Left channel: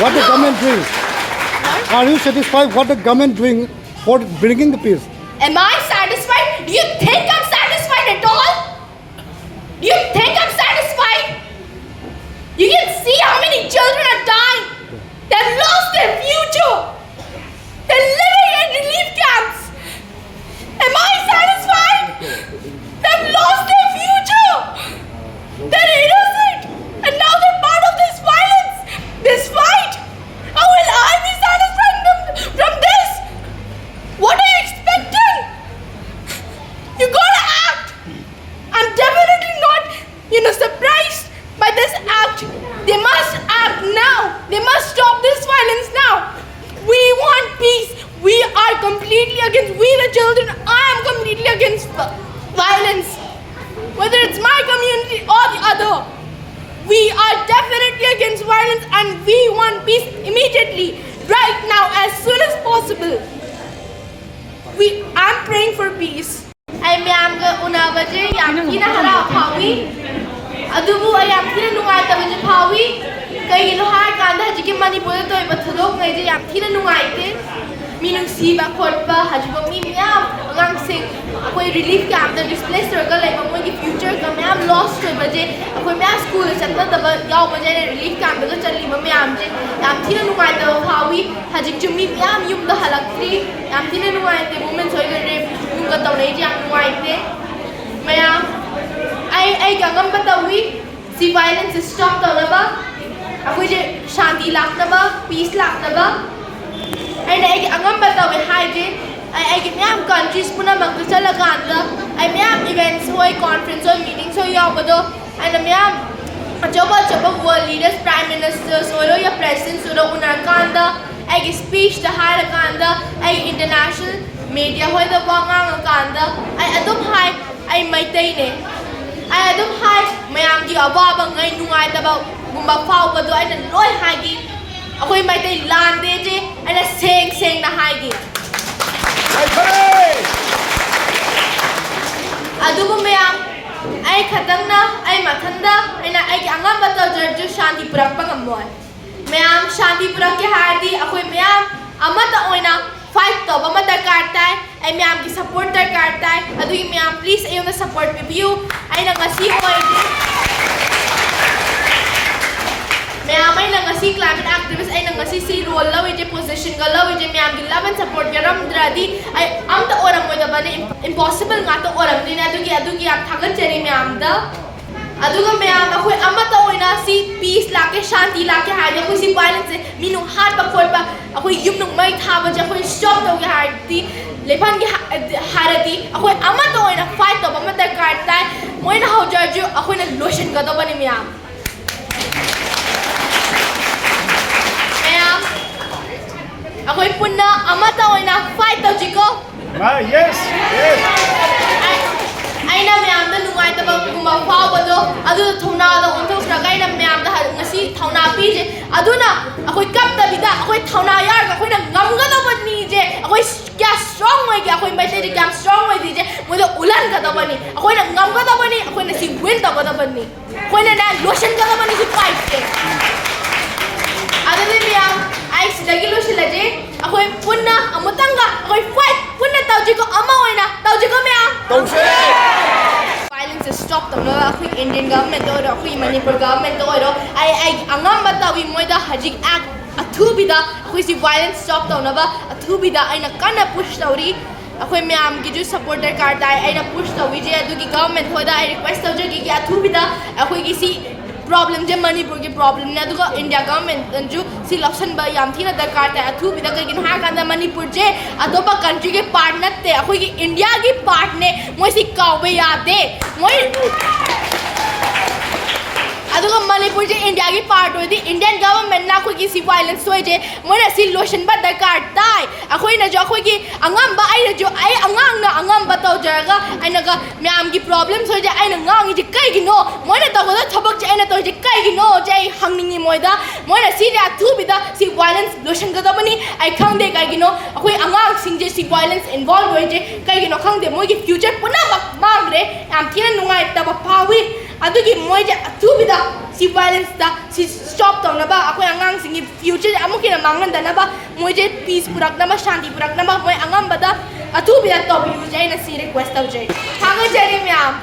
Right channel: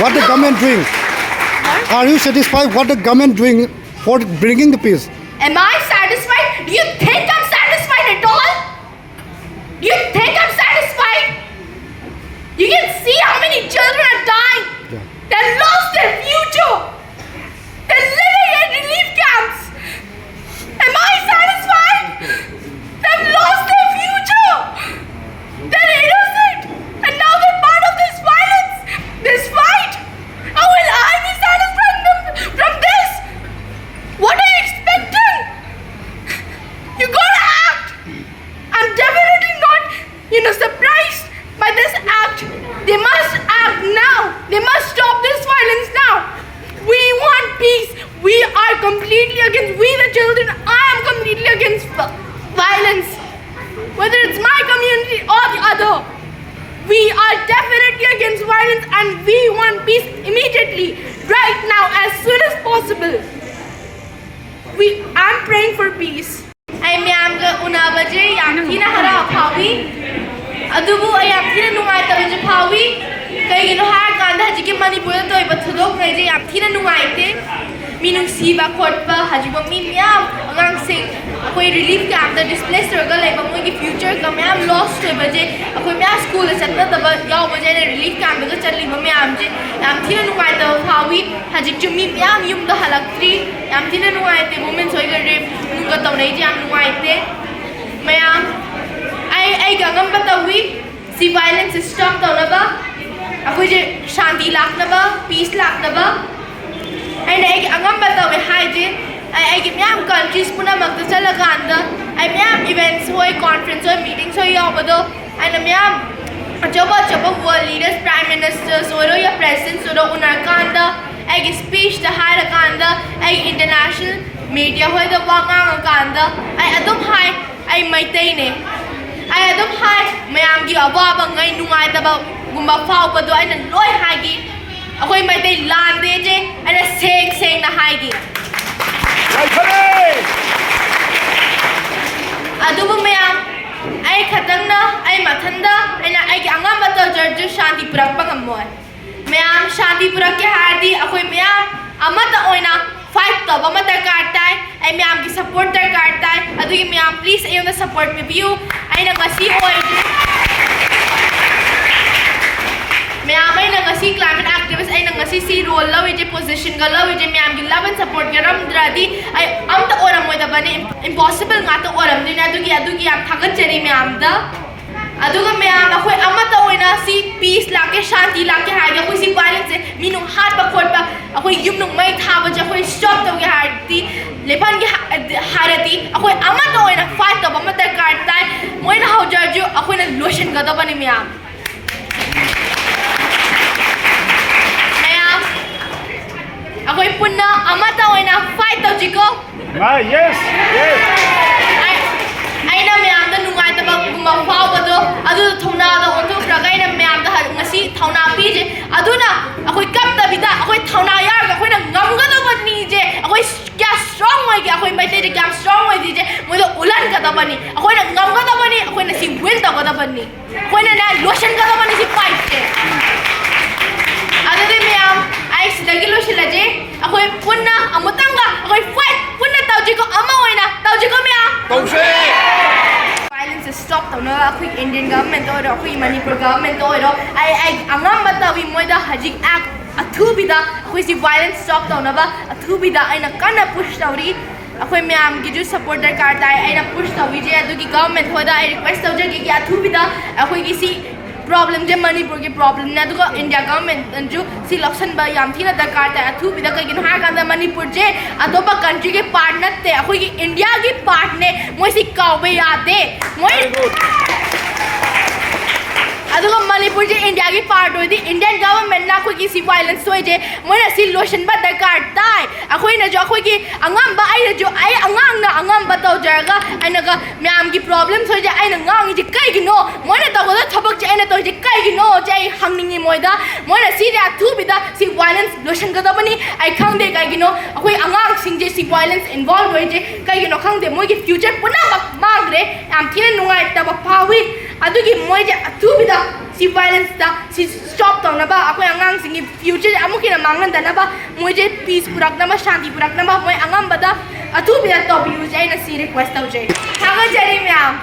what the government doing? Are you satisfied what the government doing for bringing the peace? Am I satisfied? Do you think I'm satisfied at all? Do you think I'm satisfied? You can see how many children are dying. They've lost their future. They're living in relief camps. Am I satisfied? They've lost their future. They're innocent. And now they're part of this violence, this fight. How will I be satisfied from this? What are you expecting? You gotta act. I'm definitely not, surprised by this act. They must act now. They must stop this violence now. We want peace. We are completely against, we the children, I am completely against violence. Whether it's my community or the other. We are definitely against violence and we want peace immediately. Right now, as soon as possible. I'm praying for peace. I am unabaje yamkina hara phawi. Adubu I am thina nungai tabaje phawi. Kaigino har kanda hajiki Manipur to iba thudok ngai je yam thina nungai te. Minung siba khotpa hajibo mi myam angang sing akoi relief camp da displaced struggle like amoi ki future ka myam lost to baje akoi myam school chatna daba yaw baje na relief camp da challi ba myam je yam thina nungai ta phawi hajik chumi myam yum da halakri yam thina nungai te women soi ga rape nung ka tawnai je yam nungai te myam ai ga ngam batawi si violence stop tawna ba akoi je shanti lakna ba peace lakna ba aina ai angam batawe haije ai gi myam countries puna magda chalaganda ai myam events hoi conference hoi meetings hoi yawado aina myam achaba world leaders prime ministers oro ya presidents oro unakanda ai gi speech da haira kanda ai international media hoi da wanga kanda ai adum hai ai maitai ne ai adum hai myam gi awaba ngai nungai da ba gumba phau ba do aina loi hai gi akoi mai dai lan de je ana seng na hai gi adubu myam ai khatang na ai mathanda aina ai gi angam ba ta jar shanti purak pa ngamoi myam shanti purak ke hardi akoi myam amata oina fight to ba mata kartai ai myam gi support ta kartai adu gi myam please ayona support me view aina ngasi oi myam ai ngasi climate activist ai ngasi si role law je position ga law je myam gi love and support garam dradi ai am ta oram moi da bane impossible nga ta oram dina adu gi am thagat cheri myam da adu ga myam akoi amata oina si peace la ke shanti la ke ha ya koi si violence se minu hat ba khot ba akoi yum nung mai tha ba ja koi stop to ge harti lepan gi harati akoi amata oina fight to ba mata kartai moi na hau jarju akoi na lotion ga da bane myam akoi punna amata oina fight to jiko Yes. aina myam da nungai ta ba kuma phau ba do adu thona da onthok raga aina myam da ngasi thona pi je aduna akoi kap da bida akoi thona yar ga akoi na ngam ga da bani je akoi kya strong wai ga akoi mai te kya strong wai je moi da ulan ga da bani akoi na ngam ga da bani akoi na si win da ga da bani akoi na lotion ga da bani si fight je adade myam ai sidagi lotion la je akoi punna amutanga akoi fight punna tauji ko ama oina tauji ko myam Tauji violence is stopped no akhui Indian government or akhui Manipur government or ai angam batawi moida hajik act athubida akhui si violence stop no ba athubida aina kana push tauri akhui myam gi ju supporter karta aina push tawi je adu gi government hoida I request tawje gi athubida akhui gi si problem je Manipur ki problem ne adu India government ju si election ba yam thina darkar ta athubida ka gin ha kanda Manipur je adoba country ke part natte akhui gi India ki part ne moi si kawe yade moi aduga Manipur je India ki part hoi di Indian government na khoi ki si violence hoi je moi na si lotion ba darkar tai akhoi na jo akhoi ki angam ba ai jo ai angang na angam ba taw jarga aina ga myam ki problems hoi je aina ngang ji kai gi no moi na taw da thabak je aina taw je kai gi no je hangningi moi da Mona सिरे अथुबिदा सि violence lotion गदबनी आई खंगदे कागिनो अखोई अंगांग सिंजे सि violence involve होइजे कागिनो खंगदे मोगी future पुना मांगरे याम थिना नुंगाई तब फावी अदुगी मोइजे अथुबिदा सि violence दा सि stop तौनबा अखोई अंगांग सिंगी फ्यूचर अमुकिना मांगनदनबा मोइजे पीस पुरकनबा शांति पुरकनबा मोइ अंगमबदा अथुबिदा टॉप यूज आइना सि रिक्वेस्ट तौजे थागा जरी म्याम